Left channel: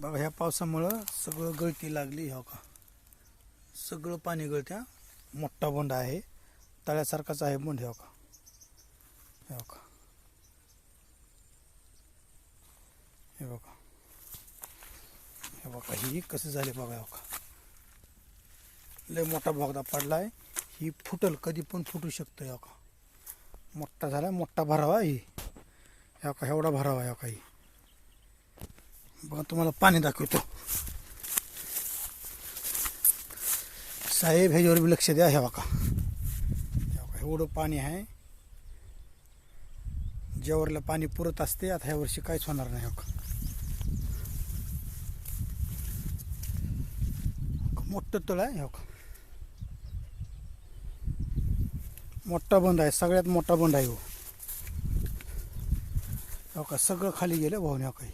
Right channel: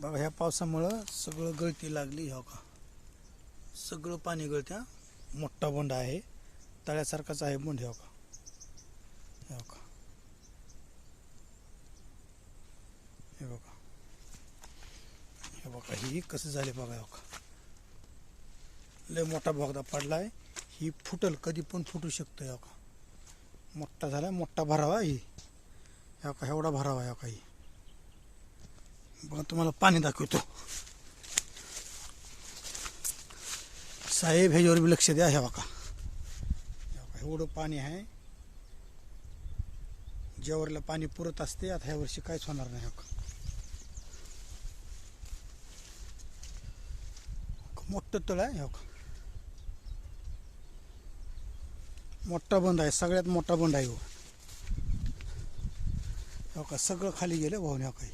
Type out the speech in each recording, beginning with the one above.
बघा ह्या पावसामुळं सगळं गळती लागली हो का? सगळं पाणी गळत्या मोठा बोंड आहे. तळ्यासारखाच आहे बोंड हो का? हो का? हे बघा. हे बघा ही कसं झाले बघा हो का? लय मोठा बोगदा पडलाय. ही फुटल कधी पण फुटू शकतं हो का? मोठा झाला मोठा भरावा ही. हो का एवढा भरावा हो का ही? बघा तुम्हाला पाणी दाखवतो. साहेब ह्याच्यावर बी लक्ष द्या ह्या बघा. एवढं पाणी आहे. ज्यावरला पाणी पुरत असते आता ह्या वर्षी काहीच होणार नाही हो का. मोठं तळ आहे हो का. मोठा बंद आहे सगळ्यात मोठा बंद आहे हो. का सगळं खाली गेलं भाऊन काही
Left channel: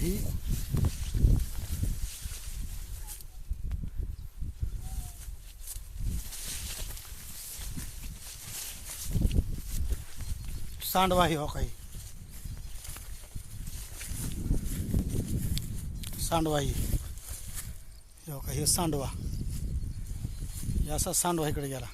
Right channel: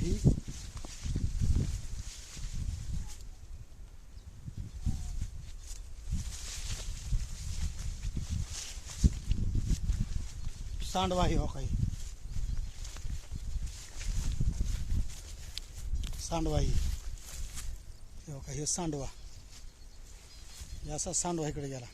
बघा ही सांडवा आहे हो काही. सांडवा ही हो काही सांडवा. असा सांडवा इकडे गेला.